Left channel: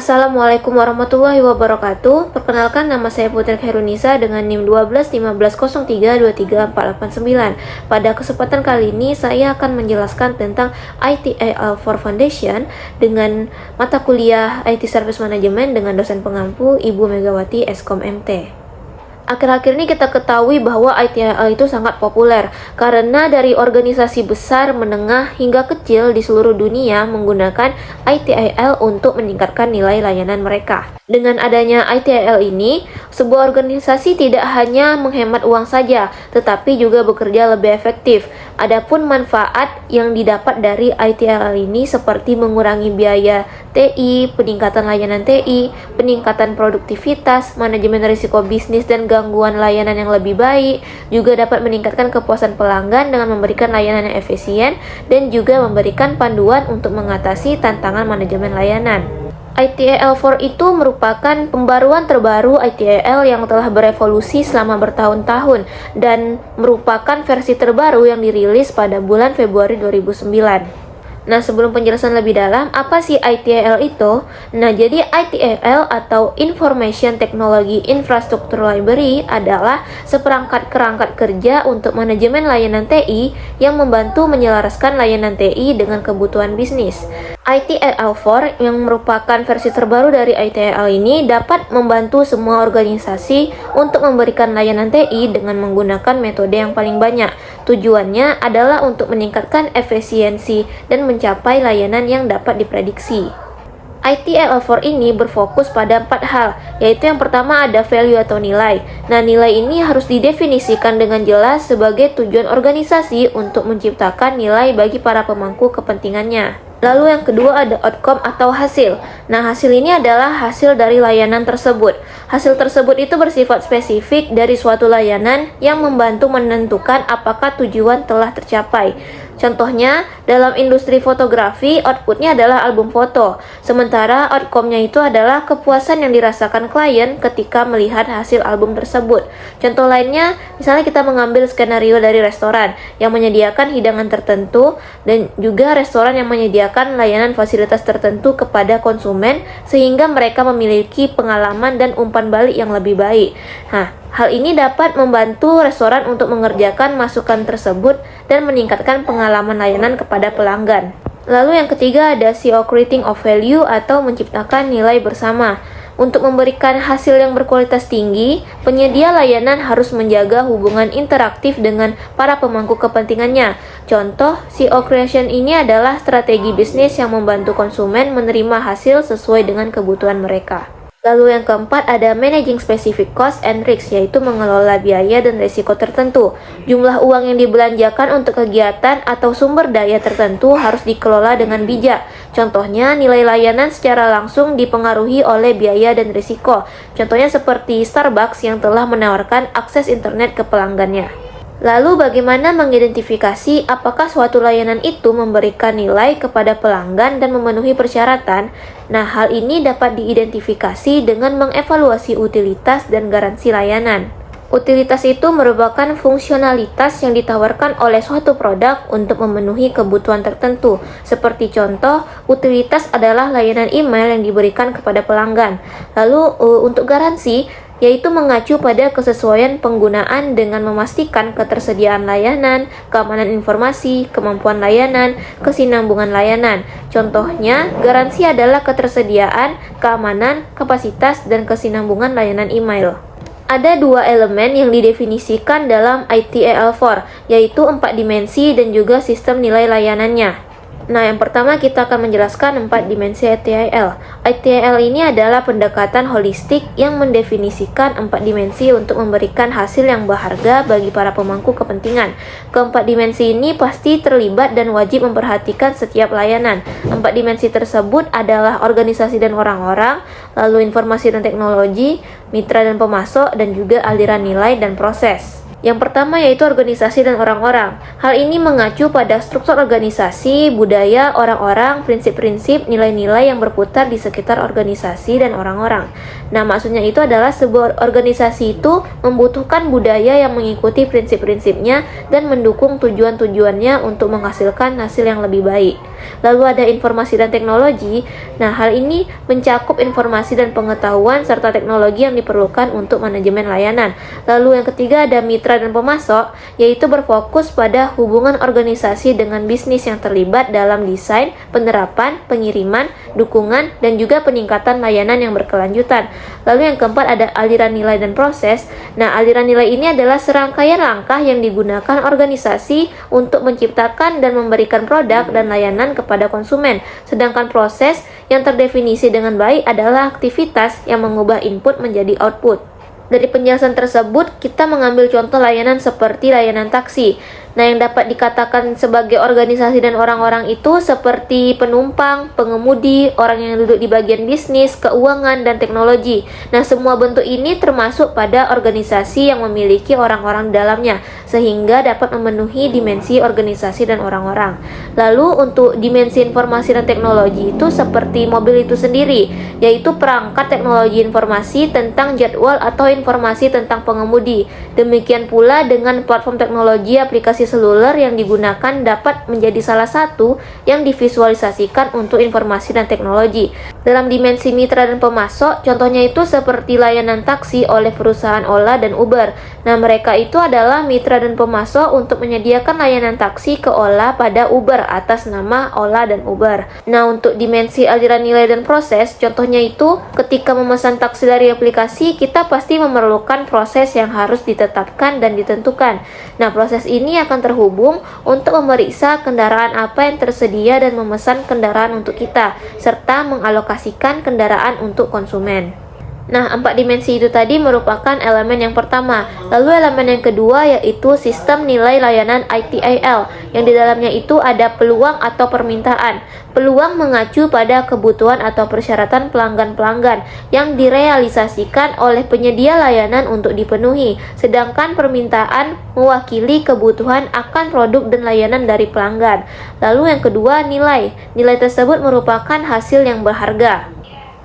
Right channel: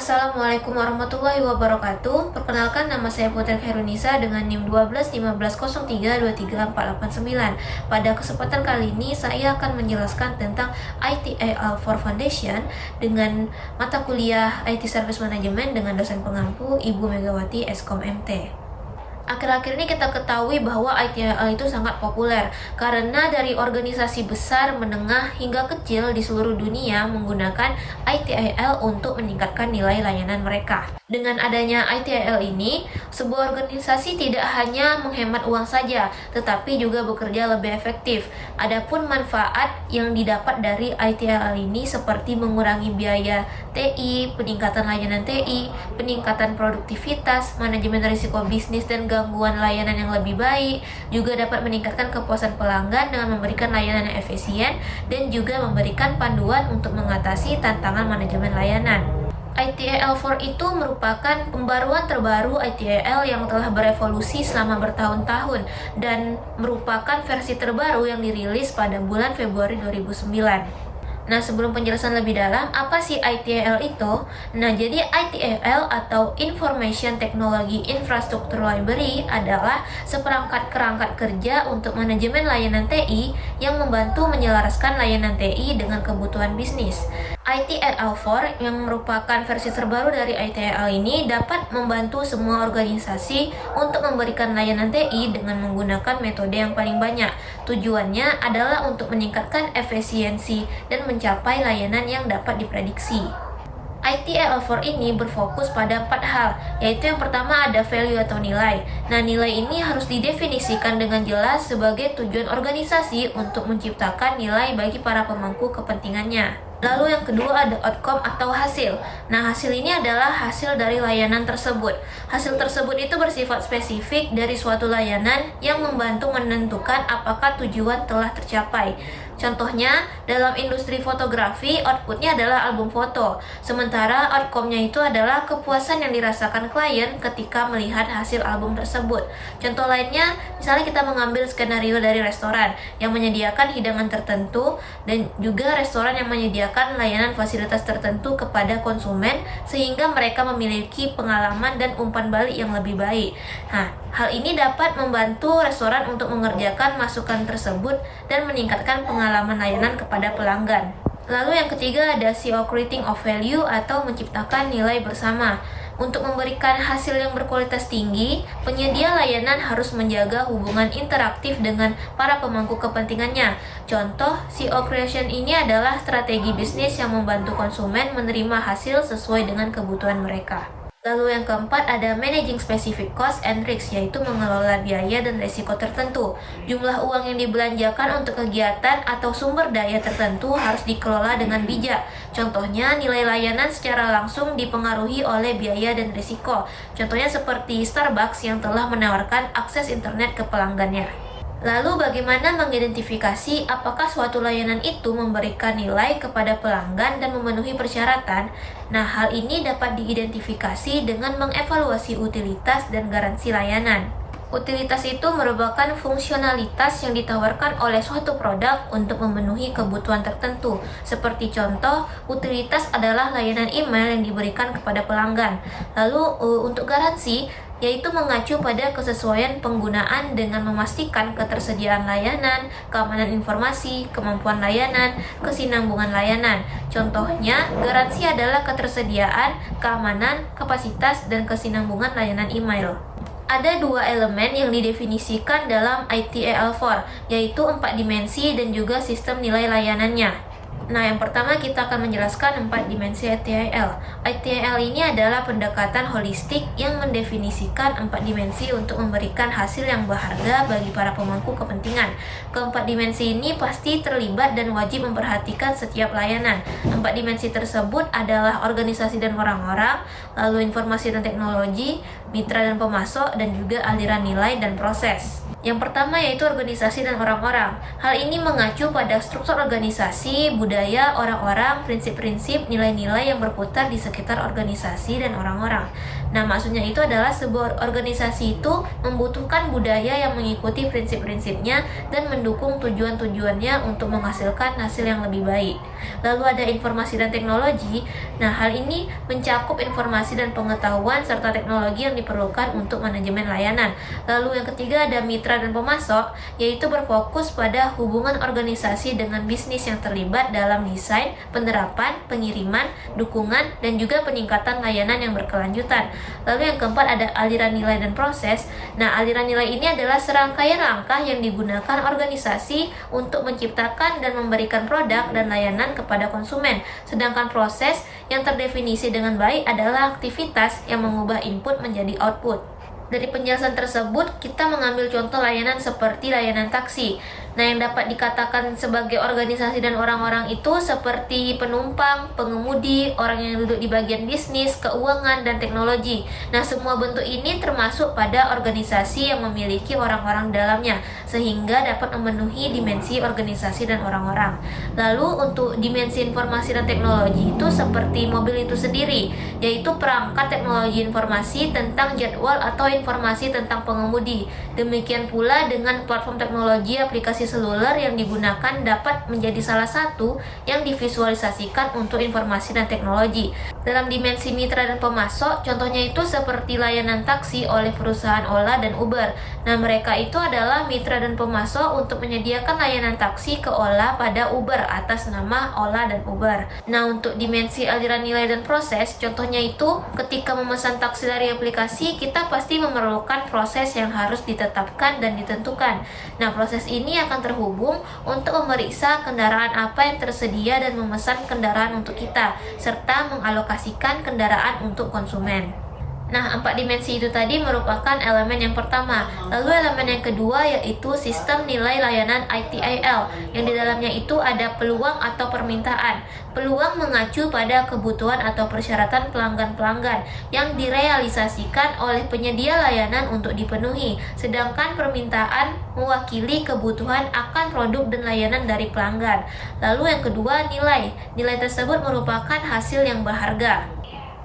Assalamualaikum warahmatullahi wabarakatuh. Perkenalkan, nama saya Putri Khairunisa dengan NIM 121503234889. Pada kesempatan kali ini saya akan menjelaskan tentang ITIL4 Foundation dengan mata kuliah IT Service Management dengan dosen pengampu Ibu Megawati Eskom MT. Akhir-akhir ini kita ketahui bahwa ITIL itu sangat populer karena dari organisasi besar, menengah, hingga kecil di seluruh dunia menggunakan ITIL untuk meningkatkan nilai layanan mereka. Dengan adanya ITIL ini, sebuah organisasi tidak hanya menghemat uang saja, tetapi juga bekerja lebih efektif. Adapun manfaat yang didapat dari ITIL ini seperti mengurangi biaya TI, peningkatan layanan TI, peningkatan produktivitas, manajemen risiko bisnis dan gangguan layanan yang lebih baik, juga dapat meningkatkan kepuasan pelanggan dengan memberikan layanan yang efisien dan juga memberikan panduan untuk mengatasi tantangan manajemen layanan. ITIL4 itu merupakan pembaruan terbaru ITIL yang telah berevolusi selama bertahun-tahun dan merupakan versi terbaru yang dirilis pada bulan Februari 2009. Nah, sebelum penjelasan lebih dalam, apa sih ITIL itu? Nah, jadi ITIL atau Information Technology Infrastructure Library adalah seperangkat kerangka kerja untuk manajemen layanan TI yang membantu menyelaraskan layanan TI dengan kebutuhan bisnis. ITIL4 yang merupakan versi terbaru dari ITIL ini dapat membantu semua organisasi untuk memberikan layanan TI dengan menggunakan metode yang paling banyak. Tujuannya adalah untuk meningkatkan efisiensi dan mencapai layanan yang dapat diprediksi. ITIL4 ini berfokus pada 4 hal, yaitu yang pertama ada value atau nilai. Nah, nilai ini harus didefinisikan dengan jelas sebagai tujuan organisasi untuk menciptakan nilai bagi para pemangku kepentingannya. Lalu yang kedua ada outcome atau hasil. Nah, hasil ini adalah hasil dari layanan tersebut. Hasil tersebut itu bersifat spesifik dari suatu layanan yang membantu menentukan apakah tujuan telah tercapai. Contohnya, dalam industri fotografi, outputnya adalah album foto. Sementara outcome-nya itu adalah kepuasan yang dirasakan klien ketika melihat hasil album tersebut. Contoh lainnya, misalnya kita mengambil skenario dari restoran yang menyediakan hidangan tertentu dan juga restoran yang menyediakan layanan fasilitas tertentu kepada konsumen sehingga mereka memiliki pengalaman dan umpan balik yang lebih baik. Nah, hal ini dapat membantu restoran untuk mengerjakan masukan tersebut dan meningkatkan pengalaman layanan kepada pelanggan. Lalu yang ketiga ada CO Creating of Value atau menciptakan nilai bersama. Untuk memberikan hasil yang berkualitas tinggi, penyedia layanan harus menjaga hubungan interaktif dengan para pemangku kepentingannya. Contoh, CO Creation ini adalah strategi bisnis yang membantu konsumen menerima hasil sesuai dengan kebutuhan mereka. Lalu yang keempat ada Managing Specific Cost and Risk, yaitu mengelola biaya dan risiko tertentu. Jumlah uang yang dibelanjakan untuk kegiatan atau sumber daya tertentu harus dikelola dengan bijak. Contohnya, nilai layanan secara langsung dipengaruhi oleh biaya dan risiko. Contohnya seperti Starbucks yang telah menawarkan akses internet ke pelanggannya. Lalu bagaimana mengidentifikasi apakah suatu layanan itu memberikan nilai kepada pelanggan dan memenuhi persyaratan? Nah, hal ini dapat diidentifikasi dengan mengevaluasi utilitas dan garansi layanan. Utilitas itu merupakan fungsionalitas yang ditawarkan oleh suatu produk untuk memenuhi kebutuhan tertentu. Seperti contoh, utilitas adalah layanan email yang diberikan kepada pelanggan. Lalu untuk garansi, yaitu mengacu pada kesesuaian penggunaan dengan memastikan ketersediaan layanan, keamanan informasi, kemampuan layanan, kesinambungan layanan. Contohnya, garansi adalah ketersediaan, keamanan, kapasitas, dan kesinambungan layanan email. Ada 2 elemen yang didefinisikan dalam ITIL4, yaitu 4 dimensi dan juga sistem nilai layanannya. Nah, yang pertama kita akan menjelaskan 4 dimensi ITIL. ITIL ini adalah pendekatan holistik yang mendefinisikan 4 dimensi untuk memberikan hasil yang berharga bagi para pemangku kepentingan. Keempat dimensi ini pasti terlibat dan wajib memperhatikan setiap layanan. 4 dimensi tersebut adalah organisasi dan orang-orang, lalu informasi dan teknologi, mitra dan pemasok, dan juga aliran nilai dan proses. Yang pertama yaitu organisasi dan orang-orang. Hal ini mengacu pada struktur organisasi, budaya, orang-orang, prinsip-prinsip, nilai-nilai yang berputar di sekitar organisasi dan orang-orang. Nah, maksudnya itu adalah sebuah organisasi itu membutuhkan budaya yang mengikuti prinsip-prinsipnya dan mendukung tujuan-tujuannya untuk menghasilkan hasil yang lebih baik. Lalu ada informasi dan teknologi. Nah, hal ini mencakup informasi dan pengetahuan serta teknologi yang diperlukan untuk manajemen layanan. Lalu yang ketiga ada mitra dan pemasok, yaitu berfokus pada hubungan organisasi dengan bisnis yang terlibat dalam desain, penerapan, pengiriman, dukungan, dan juga peningkatan layanan yang berkelanjutan. Lalu yang keempat ada aliran nilai dan proses. Nah, aliran nilai ini adalah serangkaian langkah yang digunakan organisasi untuk menciptakan dan memberikan produk dan layanan kepada konsumen. Sedangkan proses yang terdefinisi dengan baik adalah aktivitas yang mengubah input menjadi output. Dari penjelasan tersebut, kita mengambil contoh layanan seperti layanan taksi. Nah, yang dapat dikatakan sebagai organisasi dan orang-orang itu seperti penumpang, pengemudi, orang yang duduk di bagian bisnis, keuangan, dan teknologi. Nah, semua bentuk ini termasuk pada organisasi yang memiliki orang-orang di dalamnya, sehingga dapat memenuhi dimensi organisasi dan orang-orang. Lalu, untuk dimensi informasi dan teknologi itu seperti mobil itu sendiri, yaitu perangkat teknologi informasi tentang jadwal atau informasi tentang pengemudi. Demikian pula dengan platform teknologi aplikasi seluler yang digunakan dapat menjadi salah satu yang divisualisasikan untuk informasi dan teknologi. Dalam dimensi mitra dan pemasok, contohnya itu seperti layanan taksi oleh perusahaan Ola dan Uber. Nah, mereka itu adalah mitra dan pemasok untuk menyediakan layanan taksi ke Ola pada Uber atas nama Ola dan Uber. Nah, untuk dimensi aliran nilai dan proses, contohnya itu ketika memesan taksi dari aplikasi, kita pasti memerlukan proses yang harus ditetapkan dan ditentukan. Nah, proses ini akan terhubung untuk memeriksa kendaraan apa yang tersedia dan memesan kendaraan untuk kita, serta mengalokasikan kendaraan untuk konsumen. Nah, 4 dimensi itu tadi merupakan elemen yang pertama. Lalu elemen yang kedua yaitu sistem nilai layanan ITIL, yang di dalamnya itu ada peluang atau permintaan. Peluang mengacu pada kebutuhan atau persyaratan pelanggan-pelanggan yang direalisasikan oleh penyedia layanan untuk dipenuhi, sedangkan permintaan mewakili kebutuhan akan produk dan layanan dari pelanggan. Lalu yang kedua, nilai. Nilai tersebut merupakan hasil yang berharga.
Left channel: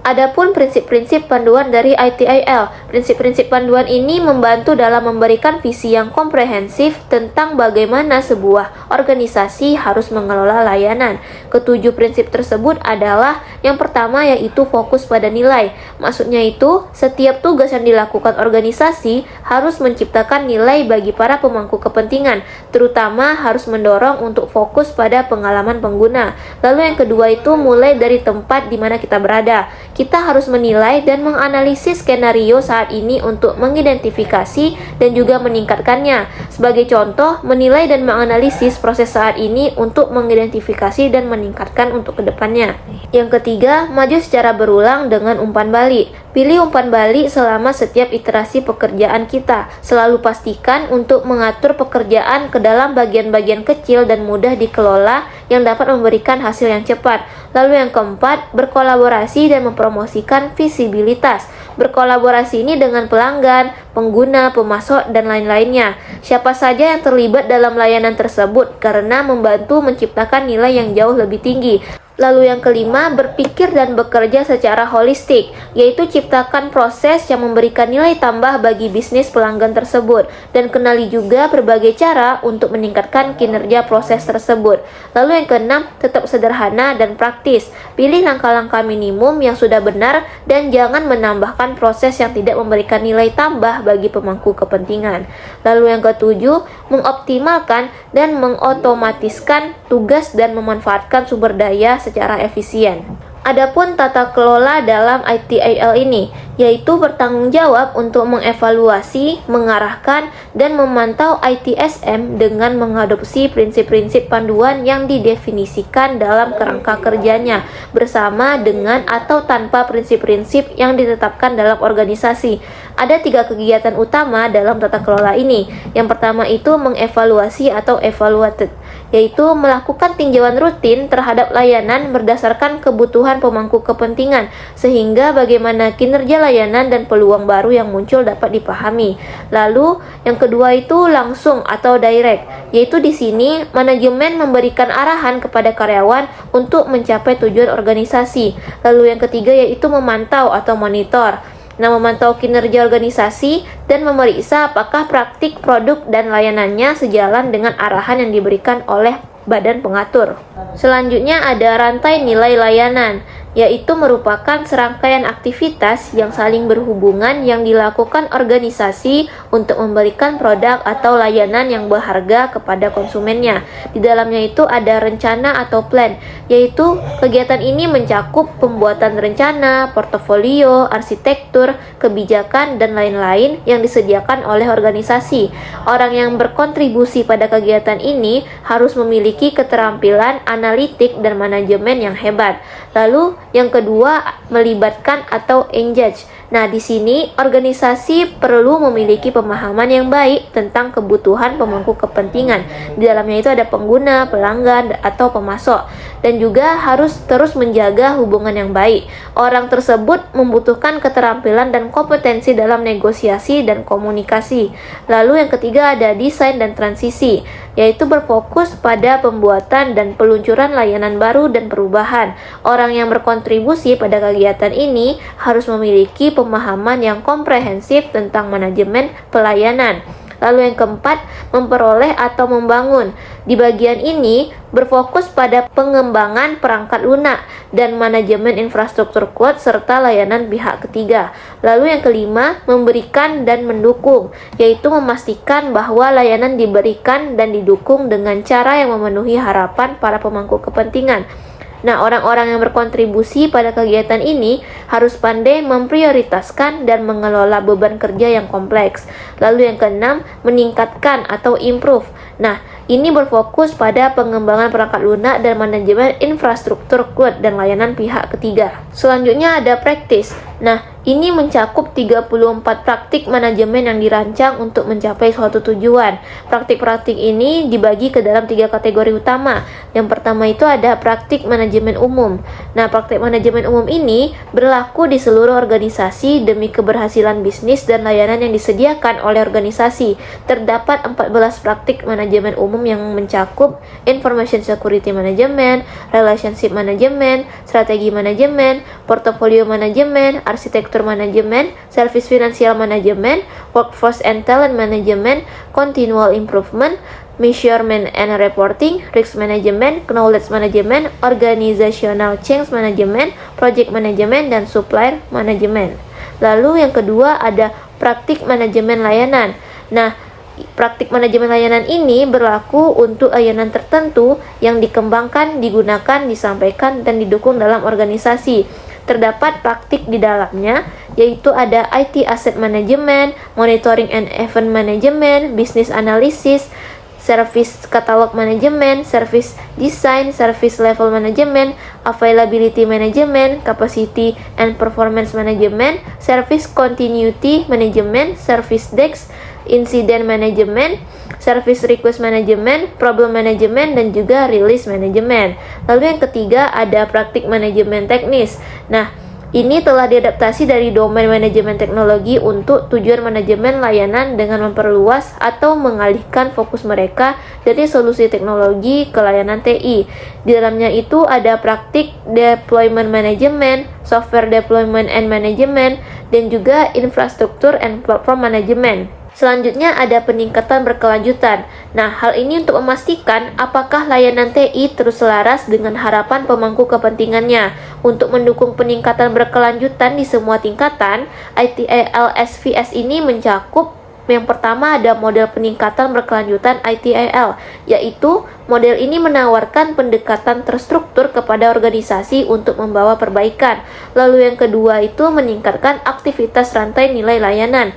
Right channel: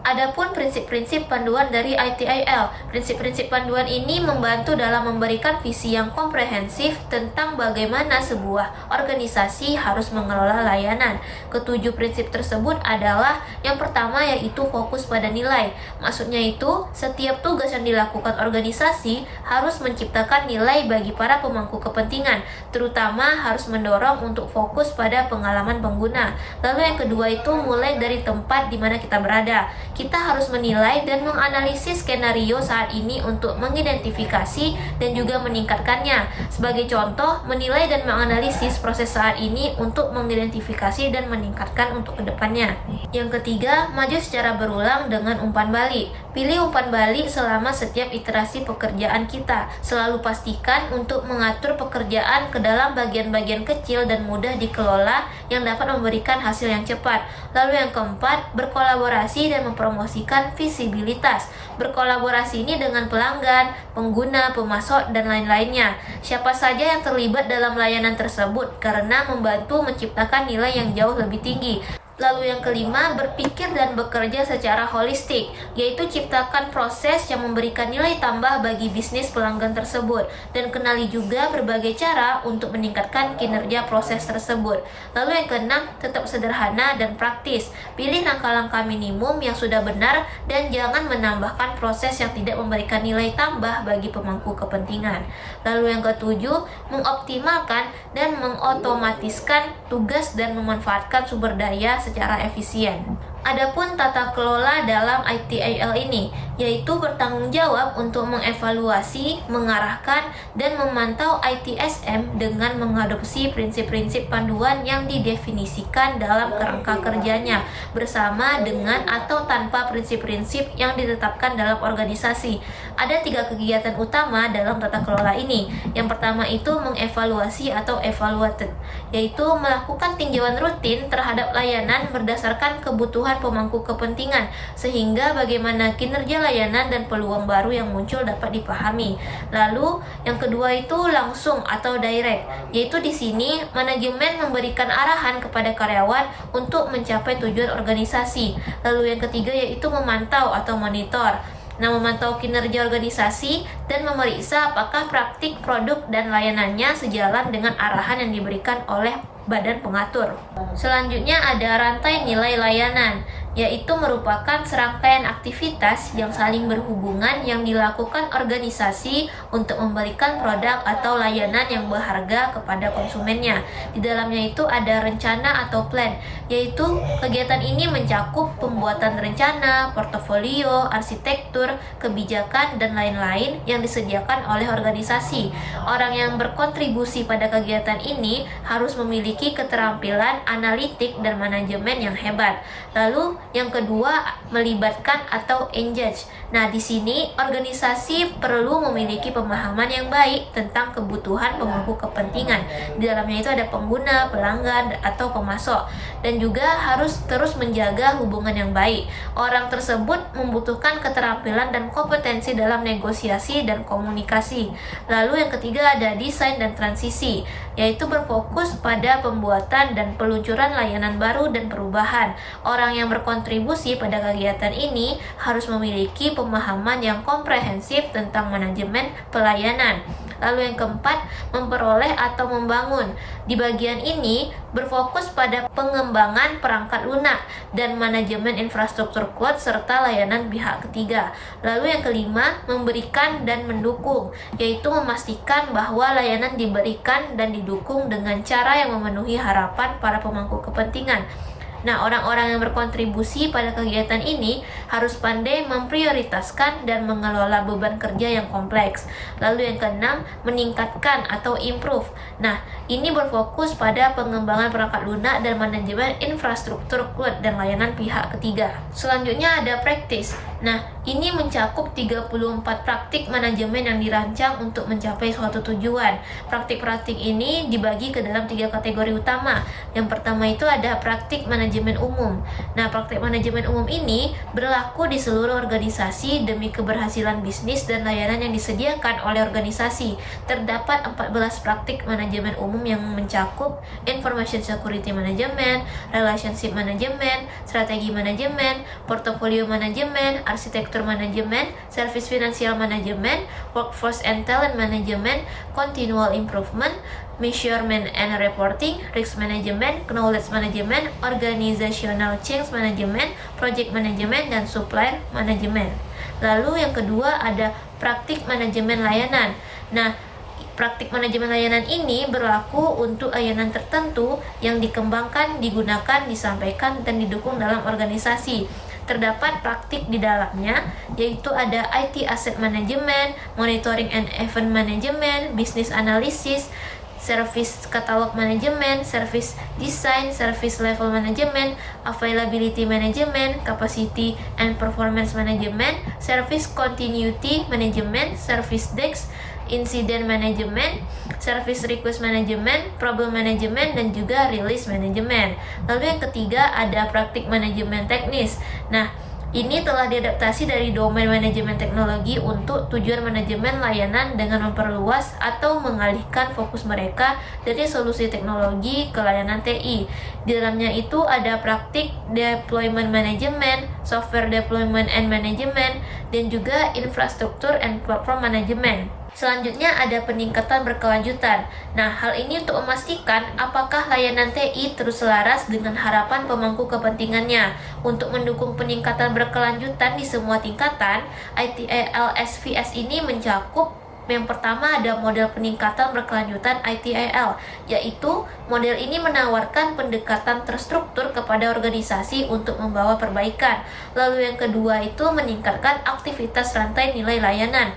Adapun prinsip-prinsip panduan dari ITIL. Prinsip-prinsip panduan ini membantu dalam memberikan visi yang komprehensif tentang bagaimana sebuah organisasi harus mengelola layanan. Ketujuh prinsip tersebut adalah yang pertama yaitu fokus pada nilai. Maksudnya itu, setiap tugas yang dilakukan organisasi harus menciptakan nilai bagi para pemangku kepentingan, terutama harus mendorong untuk fokus pada pengalaman pengguna. Lalu yang kedua itu mulai dari tempat di mana kita berada. Kita harus menilai dan menganalisis skenario saat ini untuk mengidentifikasi dan juga meningkatkannya. Sebagai contoh, menilai dan menganalisis proses saat ini untuk mengidentifikasi dan meningkatkan untuk kedepannya. Yang ketiga, maju secara berulang dengan umpan balik. Pilih umpan balik selama setiap iterasi pekerjaan kita. Selalu pastikan untuk mengatur pekerjaan ke dalam bagian-bagian kecil dan mudah dikelola yang dapat memberikan hasil yang cepat. Lalu yang keempat, berkolaborasi dan mempromosikan visibilitas. Berkolaborasi ini dengan pelanggan, pengguna, pemasok, dan lain-lainnya. Siapa saja yang terlibat dalam layanan tersebut karena membantu menciptakan nilai yang jauh lebih tinggi. Lalu yang kelima, berpikir dan bekerja secara holistik, yaitu ciptakan proses yang memberikan nilai tambah bagi bisnis pelanggan tersebut, dan kenali juga berbagai cara untuk meningkatkan kinerja proses tersebut. Lalu yang keenam, tetap sederhana dan praktis. Pilih langkah-langkah minimum yang sudah benar dan jangan menambahkan proses yang tidak memberikan nilai tambah bagi pemangku kepentingan. Lalu yang ketujuh, mengoptimalkan dan mengotomatiskan tugas dan memanfaatkan sumber daya secara efisien. Adapun tata kelola dalam ITIL ini, yaitu bertanggung jawab untuk mengevaluasi, mengarahkan, dan memantau ITSM dengan mengadopsi prinsip-prinsip panduan yang didefinisikan dalam kerangka kerjanya, bersama dengan atau tanpa prinsip-prinsip yang ditetapkan dalam organisasi. Ada 3 kegiatan utama dalam tata kelola ini. Yang pertama itu mengevaluasi atau evaluated, yaitu melakukan tinjauan rutin terhadap layanan berdasarkan kebutuhan pemangku kepentingan, sehingga bagaimana kinerja layanan dan peluang baru yang muncul dapat dipahami. Lalu yang kedua itu langsung atau direct, yaitu di sini manajemen memberikan arahan kepada karyawan untuk mencapai tujuan organisasi. Lalu yang ketiga yaitu memantau atau monitor. Nah, memantau kinerja organisasi dan memeriksa apakah praktik, produk, dan layanannya sejalan dengan arahan yang diberikan oleh badan pengatur. Selanjutnya ada rantai nilai layanan, yaitu merupakan serangkaian aktivitas yang saling berhubungan yang dilakukan organisasi untuk memberikan produk atau layanan yang berharga kepada konsumennya. Di dalamnya itu ada rencana atau plan, yaitu kegiatan ini mencakup pembuatan rencana, portofolio, arsitektur, kebijakan, dan lain-lain yang disediakan oleh organisasi. Orang yang berkontribusi pada kegiatan ini harus memiliki keterampilan analitik dan manajemen yang hebat. Lalu yang kedua, melibatkan atau engage. Nah, di sini organisasi perlu memiliki pemahaman yang baik tentang kebutuhan pemangku kepentingan. Di dalamnya itu ada pengguna, pelanggan, atau pemasok. Dan juga harus terus menjaga hubungan yang baik. Orang tersebut membutuhkan keterampilan dan kompetensi dalam negosiasi dan komunikasi. Lalu yang ketiga ada desain dan transisi, yaitu berfokus pada pembuatan dan peluncuran layanan baru dan perubahan. Orang yang berkontribusi pada kegiatan ini harus memiliki pemahaman yang komprehensif tentang manajemen pelayanan. Lalu yang keempat, memperoleh atau membangun. Di bagian ini berfokus pada pengembangan perangkat lunak dan manajemen infrastruktur cloud serta layanan pihak ketiga. Lalu yang kelima, memberikan dan mendukung, yaitu memastikan bahwa layanan diberikan dan didukung dengan cara yang memenuhi harapan para pemangku kepentingan. Nah, orang-orang yang berkontribusi pada kegiatan ini harus pandai memprioritaskan dan mengelola beban kerja yang kompleks. Lalu yang keenam, meningkatkan atau improve. Nah, ini berfokus pada pengembangan perangkat lunak dan manajemen infrastruktur cloud dan layanan pihak ketiga. Selanjutnya ada practice. Nah, ini mencakup 34 praktik manajemen yang dirancang untuk mencapai suatu tujuan. Praktik-praktik ini dibagi ke dalam 3 kategori utama. Yang pertama itu ada praktik manajemen umum. Nah, praktik manajemen umum ini berlaku di seluruh organisasi demi keberhasilan bisnis dan layanan yang disediakan oleh organisasi. Terdapat 14 praktik manajemen umum yang mencakup information security management, relationship management, strategi manajemen, portfolio manajemen, arsitektur manajemen, service financial management, workforce and talent management, continual improvement, measurement and reporting, risk management, knowledge management, organizational change management, project management, dan supplier management. Lalu yang kedua ada praktik manajemen layanan. Nah, praktik manajemen layanan ini berlaku untuk layanan tertentu yang dikembangkan, digunakan, disampaikan, dan didukung dalam organisasi. Terdapat praktik di dalamnya, yaitu ada IT Asset Management, Monitoring and Event Management, Business Analysis, Service Catalog Management, Service Design, Service Level Management, Availability Management, Capacity and Performance Management, Service Continuity Management, Service Desk, Incident Management, Service Request Management, Problem Management, dan juga Release Management. Lalu yang ketiga ada praktik manajemen teknis. Nah, ini telah diadaptasi dari domain manajemen teknologi untuk tujuan manajemen layanan dengan memperluas atau mengalihkan fokus mereka dari solusi teknologi ke layanan TI. Di dalamnya itu ada praktik deployment management, software deployment and management, dan juga infrastruktur and platform management. Selanjutnya ada peningkatan berkelanjutan. Nah, hal ini untuk memastikan apakah layanan TI terus selaras dengan harapan pemangku kepentingannya. Untuk mendukung peningkatan berkelanjutan di semua tingkatan, ITIL SVS ini mencakup yang pertama ada model peningkatan berkelanjutan ITIL, yaitu model ini menawarkan pendekatan terstruktur kepada organisasi untuk membawa perbaikan. Lalu yang kedua itu meningkatkan aktivitas rantai nilai layanan,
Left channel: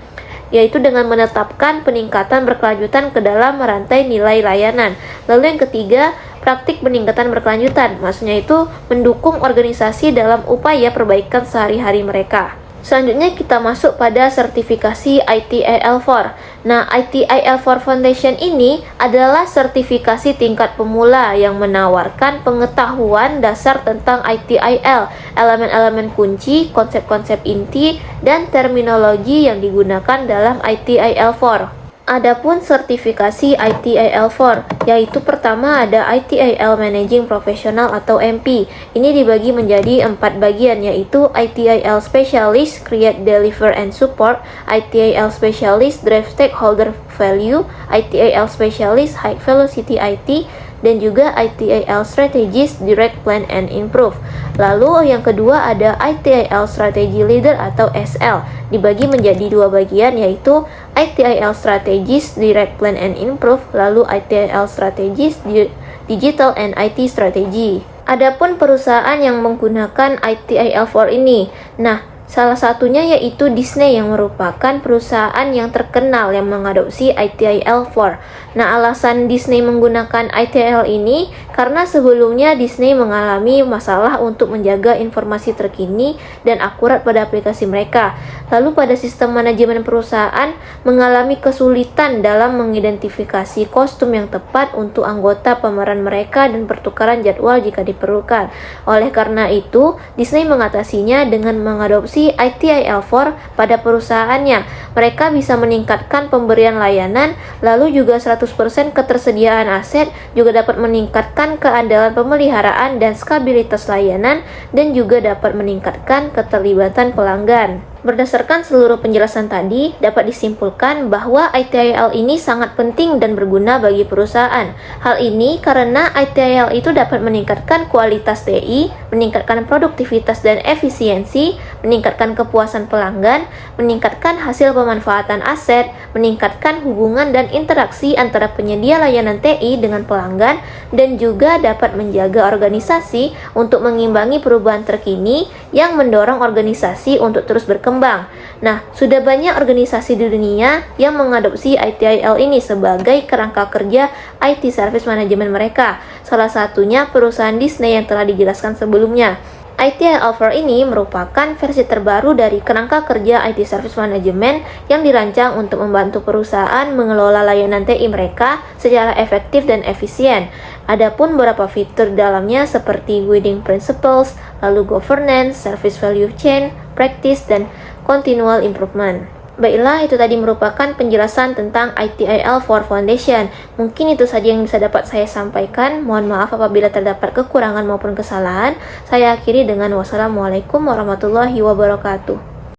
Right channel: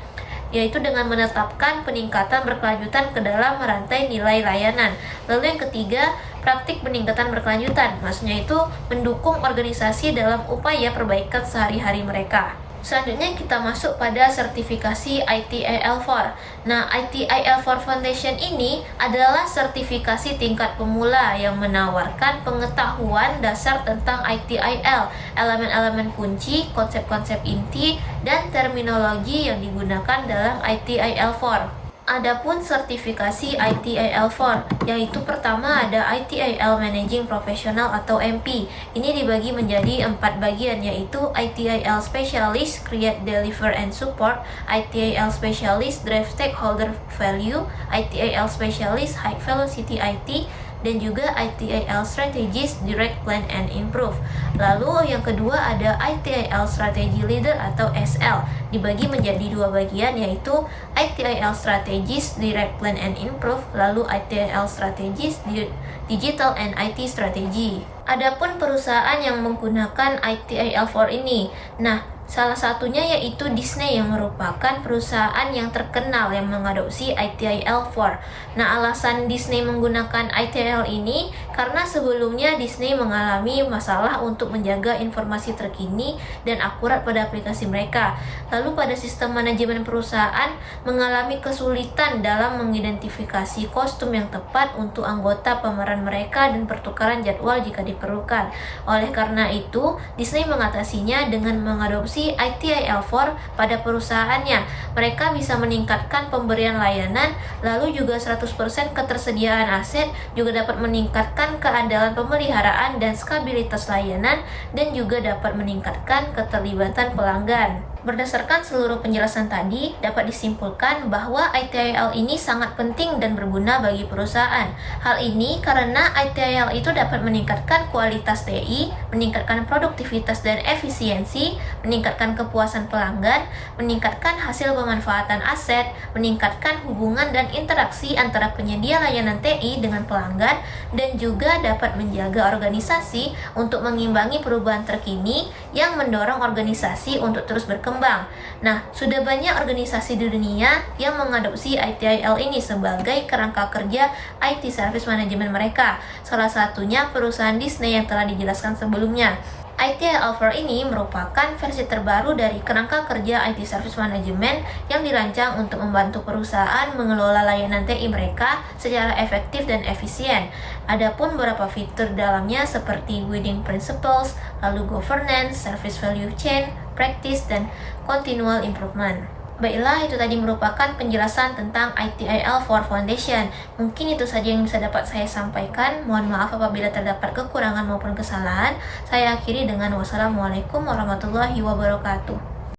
yaitu dengan menetapkan peningkatan berkelanjutan ke dalam rantai nilai layanan. Lalu yang ketiga, praktik peningkatan berkelanjutan, maksudnya itu mendukung organisasi dalam upaya perbaikan sehari-hari mereka. Selanjutnya kita masuk pada sertifikasi ITIL4. Nah, ITIL4 Foundation ini adalah sertifikasi tingkat pemula yang menawarkan pengetahuan dasar tentang ITIL, elemen-elemen kunci, konsep-konsep inti, dan terminologi yang digunakan dalam ITIL4. Adapun sertifikasi ITIL4, yaitu pertama ada ITIL Managing Professional atau MP. Ini dibagi menjadi 4 bagian, yaitu ITIL Specialist, Create, Deliver, and Support, ITIL Specialist, Drive Stakeholder Value, ITIL Specialist, High Velocity IT, dan juga ITIL Strategist, Direct, Plan, and Improve. Lalu yang kedua ada ITIL Strategy Leader atau SL, dibagi menjadi 2 bagian, yaitu ITIL Strategist, Direct, Plan, and Improve, lalu ITIL Strategist, Digital and IT Strategy. Adapun perusahaan yang menggunakan ITIL4 ini, nah salah satunya yaitu Disney yang merupakan perusahaan yang terkenal yang mengadopsi ITIL4. Nah, alasan Disney menggunakan ITIL ini karena sebelumnya Disney mengalami masalah untuk menjaga informasi terkini dan akurat pada aplikasi mereka. Lalu pada sistem manajemen perusahaan mengalami kesulitan dalam mengidentifikasi kostum yang tepat untuk anggota pemeran mereka dan pertukaran jadwal jika diperlukan. Oleh karena itu, Disney mengatasinya dengan mengadopsi ITIL4 pada perusahaannya. Mereka bisa meningkatkan pemberian layanan, lalu juga 100% ketersediaan aset, juga dapat meningkatkan keandalan pemeliharaan dan stabilitas layanan, dan juga dapat meningkatkan keterlibatan pelanggan. Berdasarkan seluruh penjelasan tadi, dapat disimpulkan bahwa ITIL ini sangat penting dan berguna bagi perusahaan. Hal ini karena ITIL itu dapat meningkatkan kualitas TI, meningkatkan produktivitas dan efisiensi, meningkatkan kepuasan pelanggan, meningkatkan hasil pemanfaatan aset, meningkatkan hubungan dan interaksi antara penyedia layanan TI dengan pelanggan, dan juga dapat menjaga organisasi untuk mengimbangi perubahan terkini yang mendorong organisasi untuk terus berkembang. Nah, sudah banyak organisasi di dunia yang mengadopsi ITIL ini sebagai kerangka kerja IT service management mereka. Salah satunya perusahaan Disney yang telah dijelaskan sebelumnya. ITIL4 ini merupakan versi terbaru dari kerangka kerja IT Service Management yang dirancang untuk membantu perusahaan mengelola layanan TI mereka secara efektif dan efisien. Adapun beberapa fitur dalamnya seperti Guiding Principles, lalu Governance, Service Value Chain, Practice, dan Continual Improvement. Baiklah, itu tadi merupakan penjelasan tentang ITIL4 Foundation. Mungkin itu saja yang bisa dapat saya sampaikan. Mohon maaf apabila terdapat kekurangan maupun kesalahan. Saya akhiri dengan wassalamualaikum warahmatullahi wabarakatuh.